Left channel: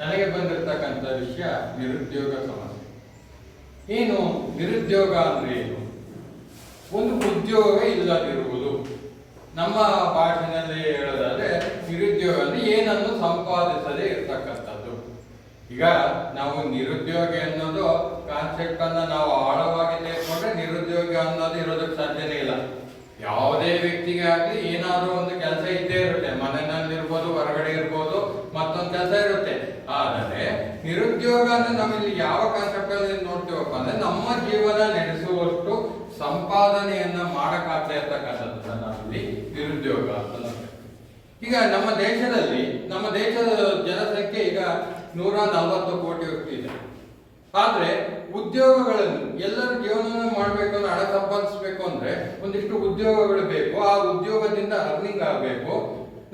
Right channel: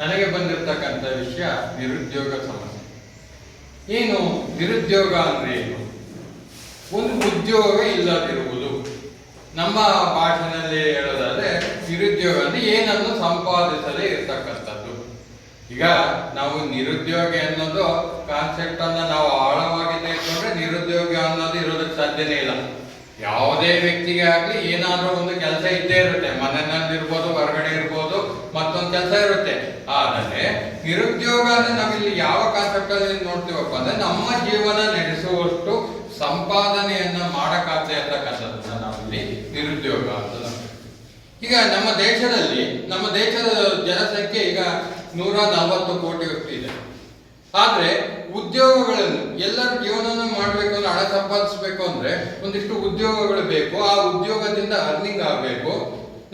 ನನಗೆ ಬಂದಿರತಕ್ಕಂಥ ವಿಷಯ ನಿರುದ್ಯೋಗ ಸಮಸ್ಯೆ. ಏನು ನಿರುದ್ಯೋಗ ಅಂದ್ರೆ ಏನು? ಒಂದು ಉದ್ಯೋಗ ಇಲ್ಲದಿರುವುದು. ನಮ್ಮ ಭಾಷೆಯಲ್ಲಿ ಹೇಳೋದಾದ್ರೆ ನಿರುದ್ಯೋಗ ಅಂದ್ರೆ ಏನನ್ನು ಸಂಪಾದಿಸದೇ ಇರತಕ್ಕಂಥದ್ದು. ಈಗ ನಾವು ನಿರುದ್ಯೋಗ ಅನ್ನೋದು ಕಾನ್ಸೆಪ್ಟ್ ಅನ್ನ ನಾವು ಆಳವಾಗಿ ತೆಗೆದುಕೊಂಡ್ರೆ ನಿರುದ್ಯೋಗ ಅನ್ನೋದು ಇರೋದಕ್ಕೆ ಸಾಧ್ಯನೇ ಇಲ್ಲ. ಯಾವುದೇ ವ್ಯಕ್ತಿಗೆ ಆಗಲಿ ಏನಾದರೂ ಒಂದು ಕೆಲಸ ಇದ್ದೇ ಇರುತ್ತೆ. ಮನೆಯಲ್ಲಿ ಇರ್ಬೋದು, ಹೊರಗಡೆ ಇರ್ಬೋದು, ಮತ್ತೊಂದು ಕೆಲಸ ಇರುತ್ತೆ. ಆದರೆ ನಿರುದ್ಯೋಗ ಅಂದ್ರೆ ನಾವಿಲ್ಲಿ ಯಾವ ಕಾನ್ಸೆಪ್ಟ್ ಅಲ್ಲಿ ನೋಡ್ತೀವಪ್ಪ ಅಂದ್ರೆ ನಮ್ಮ ಜೀವನ ನಡೆಸುವಷ್ಟು ಸಂಪಾದನೆಯನ್ನ ಮಾಡಕ್ಕಾಗದೇ ಇರ್ತಕ್ಕಂಥದ್ದು ನಾವಿಲ್ಲಿ ನಿರುದ್ಯೋಗ ಅಂತ. ಈಗ ನಮ್ಮ ದೇಶದ ಜನಸಂಖ್ಯೆ ಈಗ 140 ಕೋಟಿಯಷ್ಟು ಇದೆ. ಆದ್ರೆ ಉದ್ಯೋಗಗಳನ್ನು ಎಲ್ಲರೂ ಜೀವನ ಮಾಡಬೇಕು ಅಂದ್ರೆ, ಹಣ ಸಂಪಾದಿಸಬೇಕು ಅಂದ್ರೆ ಒಂದಿಷ್ಟು ಉದ್ಯೋಗಗಳು ಬೇಕು. ಆ ಉದ್ಯೋಗದಿಂದ ಅರ್ನಿಂಗ್ ಆಗಬೇಕು.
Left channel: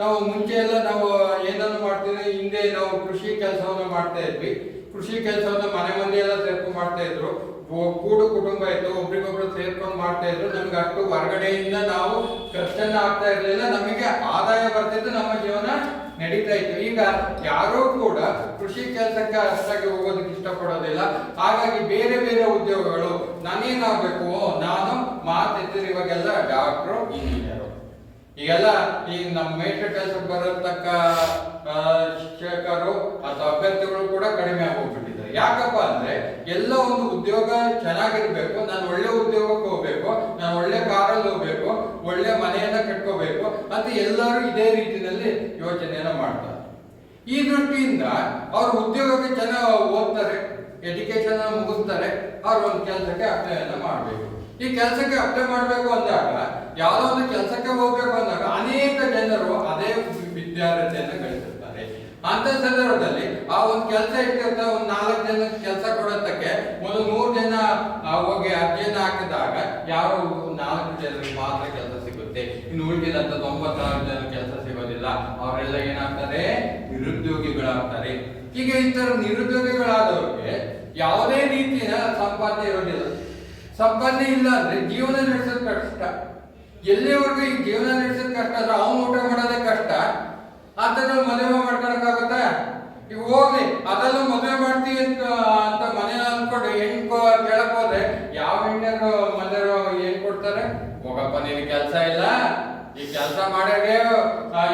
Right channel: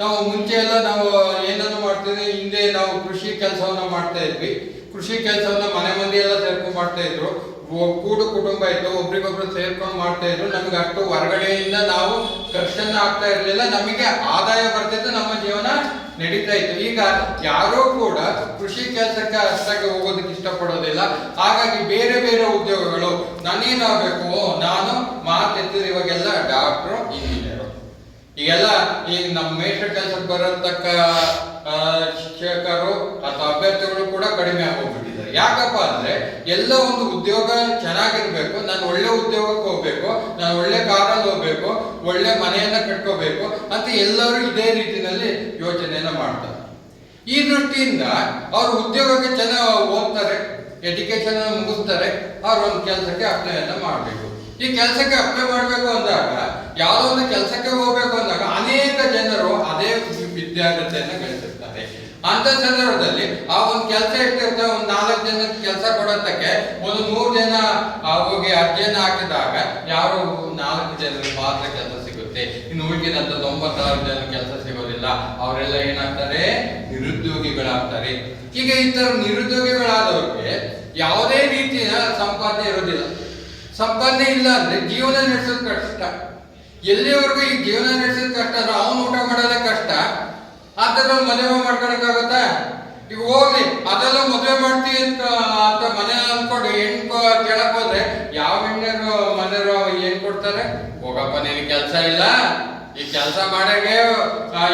ನಾವು ಮುಂಚೆ ಎಲ್ಲ ನಾವು ಏನನ್ನು ಮಾಡ್ತಿದ್ವಿ, ಹಿಂದೆ ನಾವು ಕೃಷಿ ಕೆಲಸವನ್ನ ಮಾಡ್ತಾ ಇದ್ವಿ. ಕೃಷಿ ಕೆಲಸವನ್ನ ಮನೆ ಮಂದಿ ಎಲ್ಲ ಸೇರ್ಕೊಂಡು ಮಾಡ್ತಾ ಇದ್ರು. ಕೂಡು ಕುಟುಂಬ ಇತ್ತು, ಒಬ್ರಿಗೊಬ್ರು ಸೇರ್ಕೊಂಡು ಮಾಡ್ತಾ ಇದ್ರು. ನಮ್ಗೆ ಅಷ್ಟು ಹೊರಗಡೆಯಿಂದ ನಾವು ಖರ್ಚನ್ನ ಆಗ್ತಾ ಇರ್ಲಿಲ್ಲ, ನಮಗೆ ಆದಾಯ ಬರ್ತಿತ್ತು, ನಮ್ಮ ಜೀವನ ನಡೀತಾ ಇತ್ತು. ಈಗ ಯಾರೋ ಕೂಡ ಕೃಷಿ ಕೆಲಸಕ್ಕೆ ಅಷ್ಟಾಗಿ ಹೋಗೋದಕ್ಕೆ ಇಷ್ಟಪಡೋದಿಲ್ಲ. ಹಾಗಾಗಿ ಬೇರೆ ಬೇರೆ ಉದ್ಯೋಗಗಳು, ನಾನೇನಾಗಬೇಕು, ನಾನು ಮಾತೆತ್ತಿದ್ರೆ ಇವಾಗೆಲ್ಲ ಡಾಕ್ಟ್ರು, ಇಂಜಿನಿಯರು, ಈಗೆಲ್ಲ ಈಗ ನಮ್ಮ ಮೇಷ್ಟ್ರ ಕೆಲಸಕ್ಕೆ ಬರತಕ್ಕ ಶಿಕ್ಷಕರು ಅಥವಾ ಅಭ್ಯರ್ಥಿಗಳು ಕೂಡ ಕಡಿಮೆ ಆಗೋಗ್ಬಿಟ್ಟಿದ್ದಾರೆ. ಯಾಕಪ್ಪ ಅಂದ್ರೆ ಎಲ್ಲ ಒಂದು ಉದ್ಯೋಗ ಚೆನ್ನಾಗಿರ್ಬೇಕು, ನಾನು ಒಳ್ಳೆ ಉದ್ಯೋಗಕ್ಕೆ ಹೋಗ್ಬೇಕು, ನಾನು ಒಳ್ಳೆ ಕಾರಲ್ಲಿ ಹೋಗ್ಬೇಕು, ಒಳ್ಳೆ ಮನೆಯನ್ನ ಕಟ್ಕೋಬೇಕು ಅಂತ ಎಲ್ಲರೂ ಇದೇ ರೀತಿಯಲ್ಲಿ ಯೋಚನೆಯನ್ನ ಮಾಡ್ತಾರೆ. ಈ ದೃಷ್ಟಿಯಿಂದ ಅವರು ಉದ್ಯೋಗಕ್ಕೆ ಚೆನ್ನಾಗಿ ಓದ್ತಾರೆ, ಎಜುಕೇಶನ್ ಮುಗಿಸ್ತಾರೆ, ಅವ್ರು ಒಂದು ಕೆಲಸಕ್ಕೆ ಅಪ್ಲೈಯನ್ನ ಮಾಡಬೇಕು. ಈ ಕೆಲಸಕ್ಕೆ ಅಪ್ಲೈ ಮಾಡಬೇಕು ಅಂದಾಗ, ಯಾವುದೋ ಒಂದು ಕೆಲಸಕ್ಕೆ ಹೋಗ್ಬೇಕು ಅಂದಾಗ ಅನೇಕ ಜನರು ಅದೇ ವಿದ್ಯಾರ್ಥಿಯನ್ನ ಗಳಿಸಿರ್ತಾರೆ. ಅಂತ ಸಂದರ್ಭದಲ್ಲಿ ಆ ಒಂದು ಕೆಲಸ ಎಷ್ಟಿರುತ್ತೆ, ಒಂದು 4 ಜನಕ್ಕೆ ಕೆಲಸ ಕೊಡೋದಕ್ಕೆ ಒಂದು 100 ಜನ ಹೋಗಿ ಅರ್ಜಿಯನ್ನು ಹಾಕಿದಾಗ ಯಾರು 4 ಜನರಿಗೆ ಮಾತ್ರ ಕೆಲಸ ಸಿಗುತ್ತೆ. ಇನ್ನು ಉಳಿದಂತ 96 ಜನ ಕೆಲಸ ಸಿಗೋದಿಲ್ಲ. ಅವರೆಲ್ಲ ಏನಾಗ್ತಾರೆ, ನಿರುದ್ಯೋಗಿಗಳಾಗ್ತಾರೆ. ಈಗ ಈ ತರ ನಿರುದ್ಯೋಗಿಗಳಾದವ್ರಿಗೆ ಯಾವುದೇ ರೀತಿಯ ಸಂಪಾದನೆ ಇರೋದಿಲ್ಲ. ಸಂಪಾದನೆ ಇಲ್ಲ ಅಂದ್ರೆ ಜೀವನ ನಡೆಸೋದು ಕಷ್ಟ. ಎಲ್ಲಿವರೆಗೂ ಈ ಜೀವನ ನಡೆಸೋದು ಕಷ್ಟ ಅಂದ್ರೆ ಅವನು ಊಟ ಮಾಡೋದೇ ಕಷ್ಟ. ಆತರ ಮದುವೆ ಮಾಡ್ಕೊಳಕ್ಕಾಗತ್ತಾ? ಈಗ ಹೋಗ್ಲಿ ಅದೆಲ್ಲ ಮದುವೆ ಮಾಡ್ತೀವಿ ಅಂತ ಮನೆ ಅನ್ಕೊಂಡು ಹೆಣ್ಣು ಕೇಳಕ್ ಹೋದ್ರೆ ಯಾವ ಹೆಣ್ಣು ಮನೆಯವರು ಏನ್ ಕೊಡ್ತಾರೆ? ಹೋಗಪ್ಪ, ನಿನ್ ಕೆಲಸ ಇಲ್ಲ, ಈ ಕೆಲಸ ಮಾಡಾಗೆ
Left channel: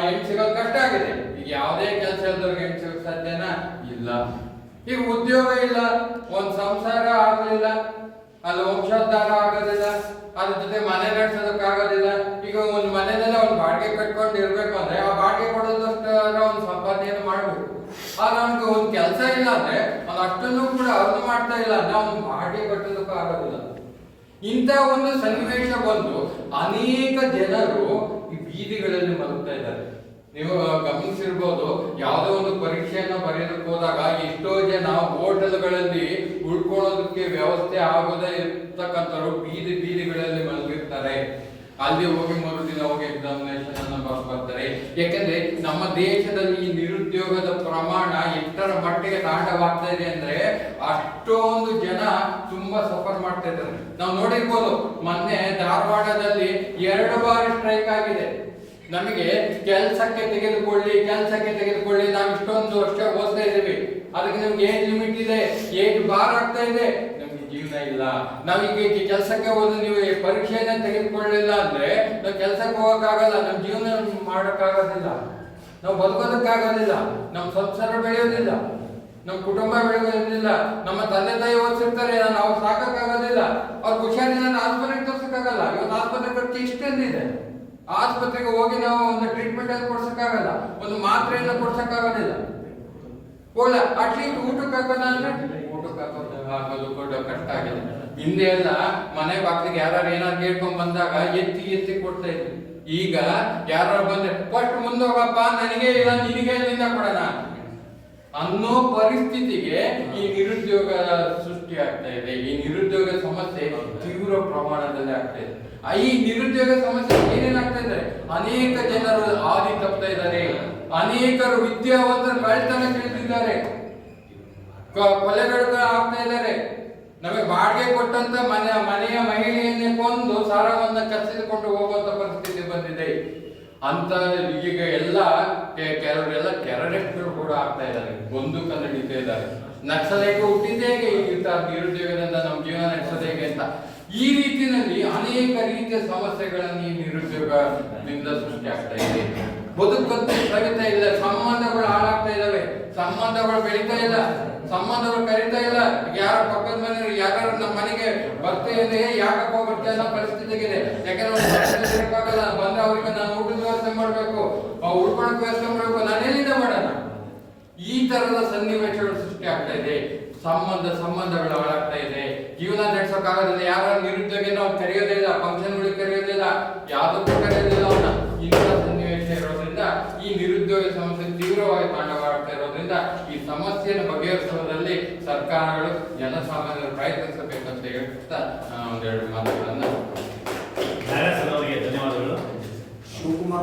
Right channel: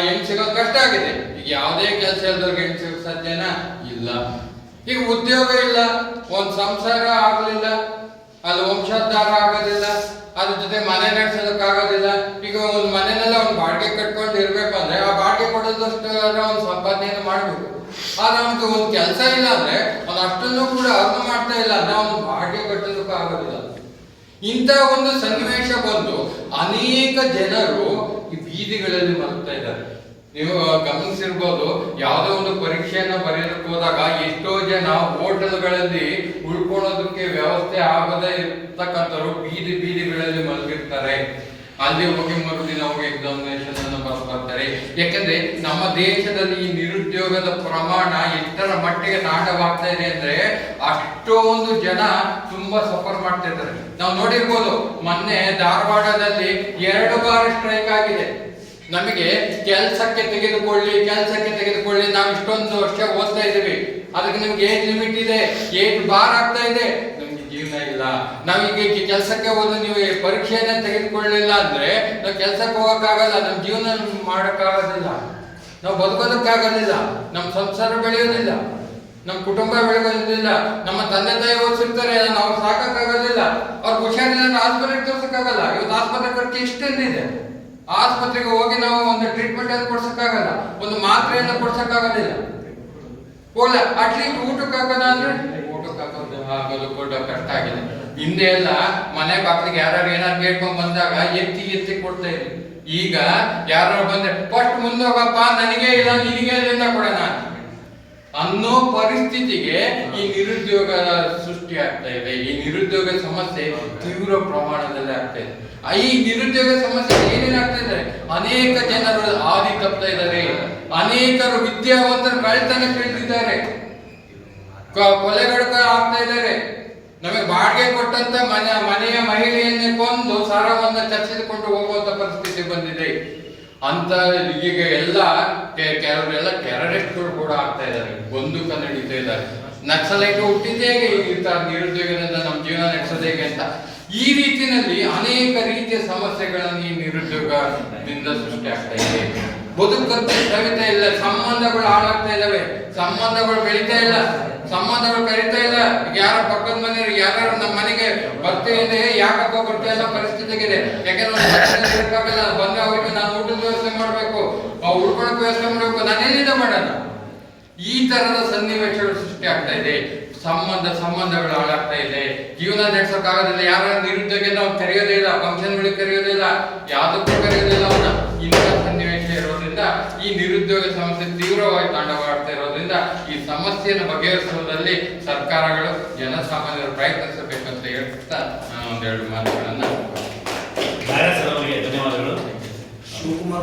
ಹೆಣ್ಣು ಸಿಗೋದು ಕಷ್ಟ ಆಗಿದೆ. ಈಗ ಯಾವುದೇ ಕೆಲಸ ಇಲ್ದವ್ರಿಗೆ ಹೆಣ್ಣು ಸಿಗೋಕ್ ಸಾಧ್ಯನಾ? ಇಲ್ಲ. ಈಗ ಉದ್ಯೋಗ ಇಲ್ಲ, ಒಂದ್ ಸಂಸಾರ ಆಗ್ಲಿಲ್ಲ, ಅಲ್ಲಿ ವಂಶೋದ್ಧಾರ ಆಗೋದಿಲ್ಲ, ಅದ್ರ ಜೊತೆ ಮನೆ ನಡೆಸೋದಕ್ಕಾಗೋದಿಲ್ಲ. ಈಗ ಒಂದು ಮನೆಯಲ್ಲ ಒಂದು ಬಾಡಿಗೆ ಕಟ್ಕೊಂಡು ಇರ್ಬೇಕು ಅಂದ್ರೆ ಆ ಬಾಡಿಗೆ ಕೊಡೋದಷ್ಟು ಒಂದು ಸಂಪಾದನೆಯನ್ನು ಮಾಡಬೇಕು. ಆದ್ರೆ ಅವನಿಗೆ ಒಂದು ಕೆಲಸ ಇಲ್ಲ ಅಂದ್ರೆ ಅವ್ನು ಅಷ್ಟನ್ನು ಕೂಡ ಅರ್ಥ ಮಾಡ್ತಾ ಇಲ್ಲ ಅಂದ್ರೆ ಅವನು ಬಾಡಿಗೆ ಕಟ್ಟೋದಕ್ಕೂ ಆಗೋದಿಲ್ಲ. ಇಂಥ ಒಂದು ಸನ್ನಿವೇಶ ಬಂದು ಅನೇಕ ಜನರು ಈ ಬೀದಿಗಳಲ್ಲಿ ಮಲಗ್ತಾ ಇದ್ದಾರೆ. ನೀವು ಗಮನಿಸಿರ್ಬೋದು, ಯಾವುದೋ ಒಂದು ಪರೀಕ್ಷೆಯನ್ನ ಬರೆಯೋದಕ್ಕೆ ಹೋದಾಗ ಎಷ್ಟೋ ಜನ ಹೋಟೆಲ್ಗಳಲ್ಲಿ ಉಳ್ಕೊಳ್ಳೋದಕ್ಕೆ ವ್ಯವಸ್ಥೆ ಆಗದೇ ಇರ್ತಕ್ಕಂಥವ್ರು ಬೀದಿಗಳಲ್ಲಿ ಮಲಗಿರ್ತಾರೆ. ಅಲ್ಲಿ ಹೋಗಿ ಮರುದಿನ ಹೋಗಿ ಎಕ್ಸಾಮಿನೇಷನ್ ಅನ್ನು ಬರ್ತಾರೆ. ಯಾಕಂದ್ರೆ ನಮ್ಮ ದೇಶದಲ್ಲಿ ಈ ನಿರುದ್ಯೋಗದ ಪ್ರಮಾಣ ಎಷ್ಟರ ಮಟ್ಟಿಗೆ ತಾಂಡವಾಗ್ತಾ ಇದೆ ಅಂದ್ರೆ ಅಷ್ಟೊಂದು ಜನ ತುಂಬಾ ಸಫರ್ ಮಾಡ್ತಾ ಇದ್ದಾರೆ. ನಾವು ನೋಡಿರ್ಬೋದು, ಮೊನ್ನೆ ಧಾರವಾಡದಲ್ಲಿ 2 ಬಾರಿ ಸ್ಟ್ರೈಕ್ ಆಗಿದೆ. ನಮಗೆ ಕೆಲಸಕ್ಕೆ ತೆಗೆದುಕೊಳ್ಳಿ, ನಾವು ಇಷ್ಟೊಂದು ವರ್ಷ ಓದ್ತಾ ಇದ್ದೀವಿ, ಅದಕ್ಕೆ ನಮ್ಗೆ ಏಜ್ ಲಿಮಿಟ್ ಇದೆ, ಏಜ್ ಬಾರ್ ಆಗ್ತಾ ಇದೆ, ನಮ್ಗೆ ಜೀವನ ಇಲ್ಲ. ನಾವೀಗ ಕೆಲಸಕ್ಕೆ ಹೋದ್ರೆ ನೀವು ಪರೀಕ್ಷೆಯನ್ನ ತೆಗೆದುಕೊಳ್ಳಲಿಲ್ಲ ಅಂದ್ರೆ ನಾವು ಕೆಲಸಕ್ಕೆ ಹೋಗಕ್ಕಾಗಲ್ಲ, ನಮ್ ಜೀವನ ಮಾಡಕ್ಕಾಗೋದಿಲ್ಲ, ನಾವು ಬದುಕೋದಕ್ಕಾಗೋದಿಲ್ಲ, ನಮ್ಮ ಸಂಸಾರ ಬೆಳೆಯೋದಿಲ್ಲ, ನಮ್ಮ ಕುಟುಂಬ ಬೆಳೆಯೋದಿಲ್ಲ, ನಮ್ಮ ತಂದೆ ತಾಯಿ ಓದಿಸಿರ್ತಾರೆ, ನಾವು ಸಾಕಾಗೋದಿಲ್ಲ, ಅವ್ರಿಗೆ ಹುಷಾರಿಲ್ಲ, ಆಸ್ಪತ್ರೆಗೆ ತೋರ್ಸಕ್ಕಾಗಲ್ಲ. ಇವತ್ತು ಆಸ್ಪತ್ರೆ ಖರ್ಚು ಇಷ್ಟೇನಿದೆ. ಆಸ್ಪತ್ರೆಗೆ ಹೋಗಿ ನಾವು ಒಂದು ಟ್ರೀಟ್ಮೆಂಟ್ ಅನ್ನು ಕೊಡ್ಸಕ್ಕಾಗಲ್ಲ, ಒಂದು ಮಾತ್ರೆಯನ್ನು ಕೊಡ್ಸಕ್ಕಾಗೋದಿಲ್ಲ. ಹೋಗ್ಲ ಅಟ್ಲೀಸ್ಟ್ ಊಟಕ್ಕೆ ಹಾಕೋದ ಅಂದ್ರೆ ಊಟಕ್ಕೆ ಹಾಕೋದು ಕೂಡ ಕಷ್ಟ ಆಗಿದೆ. ಹಿಂದೆ ಎಲ್ಲ ಮನೆ ಬಾಗಿಲಿಗೆ ಯಾರು ಏನಾರು ಕೇಳ್ಕೊಂಡ್ ಬಂದಾಗ ಎತ್ತಿ ಕೊಡ್ತಾ ಇದ್ವಿ. ಈಗ ಯಾರು ಬಂದ್ರೆ ಫಸ್ಟ್ ಮುಂದೋಗಪ್ಪ, ನನಗೆ ಇಲ್ಲ ನಿನಗೆ ಎಲ್ಲಿಂದ ಕೊಡೋಣ ಅನ್ನೋ ಪರಿಸ್ಥಿತಿಗೆ ಈ ನಿರುದ್ಯೋಗ ಸೃಷ್ಟಿ ಆಗ್ತಾ ಇದೆ. ಈ ನಿರುದ್ಯೋಗ ಸಮಸ್ಯೆ ತೀವ್ರ ಪ್ರಮಾಣದಲ್ಲಿ ಆಗ್ತಾ ಇದೆ. ಈ ನಿರುದ್ಯೋಗ ಸಮಸ್ಯೆ ಏನೇನಾಗ್ತಾ ಇದೆ, ಅನೇಕ ಜನರು ಹಾದಿ ತಪ್ತಾ ಇದ್ದಾರೆ, ಅನೇಕರು ವಿದ್ಯಾವಂತರು ಕಳ್ತನ ಕೇಳ್ತಿದ್ದಾರೆ, ಕೊಲೆಗಳು ಆಗ್ತಾ ಇದ್ದಾರೆ. ನಮಗೆ ಬಾಡಿಗೆ ಕೊಟ್ಟಂತ ಮನೆಯ ಮಹಿಳೆಯನ್ನೇ ಕೊಂದು ಸಾರವನ್ನ ಚರ್ಚಿಸಿಕೊಂಡು ಹೋಗುವಂತ ಪರಿಸ್ಥಿತಿ ಬಂದಿದೆ. ಅಂತ ಈಗ ಎಲ್ಲ ಕೆಲವರೆಲ್ಲ ಟೆರರಿಸ್ಟ್ಗಳು ಕೂಡ ಆಗ್ತಾ ಇದ್ದಾರೆ, ಬಂದೂಕ ನಡೀತಾ ಇದ್ದಾರೆ. ನಕ್ಸಲೈಟ್ ಹುಟ್ಟಿದ್ದೇ ಹೇಗೆ ನಿರುದ್ಯೋಗದಿಂದ ನಮ್ಮ ಜೀವನ ನಡೆಸೋದು ಹೇಗೆ ಅಂತ. ಈ ರೀತಿಯಲ್ಲಿ ಅನೇಕ ರೀತಿಯ ಸಮಸ್ಯೆಗಳನ್ನು ಈ ನಿರುದ್ಯೋಗದಿಂದ ಸೃಷ್ಟಿ ಆಗ್ತಾ ಇದೆ. ಬದುಕಂತೆ ಸವಿತಾ ಇಲ್ಲ, ಸಂಬಂಧಗಳು ಹಾಳಾಗ್ತಾ ಇದ್ದಾವೆ, ಸಂಬಂಧಗಳು ಬೆಳೀತಾ ಇಲ್ಲ, ಸಂಬಂಧಗಳು ಕರೀತಾ ಇಲ್ಲ. ಯಾರ ಪಕ್ಕದ ಮನೆಯವರು ಯಾರು ನಮ್ಮ ಮನೆಗೆ ಬರ್ತಿದೆ, ಯಾಕಪ್ಪ ಬರ್ತಾ ಇಲ್ಲ ಪರಿಸ್ಥಿತಿಗಿದೆ. ಯಾಕಂದ್ರೆ ಬಂದ ಅವ್ರಿಗೆ ನಾನು ಊಟದ ವ್ಯವಸ್ಥೆ ಮಾಡಬೇಕು, ಉಳ್ಕೊಳಕ್ ವ್ಯವಸ್ಥೆ ಮಾಡಬೇಕು, ನಾನೇನಿಂದ ಮಾಡೋಣ. ಈ ತರದ ಸನ್ನಿವೇಶಗಳು ಸೃಷ್ಟಿ ಆಗ್ತಾ ಇದೆ. ಸಂಬಂಧಗಳು ಹಾಳಾಗ್ತಾ ಇದೆ, ಜೀವನ ನಡೆಸೋಕ್ಕಾಗೋದಿಲ್ಲ. ಯಾರ ನಿರುದ್ಯೋಗ ನಾವು ಕರೆಯೋದೇ ಇಲ್ಲ, ಫಂಕ್ಷನ್ಗಳಿಗೆ ಕರೆಯೋದಿಲ್ಲ, ಯಾವುದಕ್ಕೂ ಕರೆಯೋದಿಲ್ಲ ಅವನ್ನ. ಇಂಥ ಸನ್ನಿವೇಶ ಇರೋದ್ರಿಂದ ಈ ನಿರುದ್ಯೋಗ ಸಮಸ್ಯೆ ತೀವ್ರವಾಗಿ ತಾಂಡವಾಡ್ತಾ ಇರೋದ್ರಿಂದ ಈ ಸಮಸ್ಯೆಯನ್ನು ಬಗೆಹರಿಸುವುದರಲ್ಲಿ ಸರ್ಕಾರಗಳು ಜನಸಾಮಾನ್ಯರು ಪ್ರಯತ್ನಿಸಬೇಕಂತ ಹೇಳ್ತಾ ನಾನು ಒಂದೆರಡು ಮಾತುಗಳನ್ನು ಧನ್ಯವಾದಗಳು. ಶಿವಕುಮಾರ್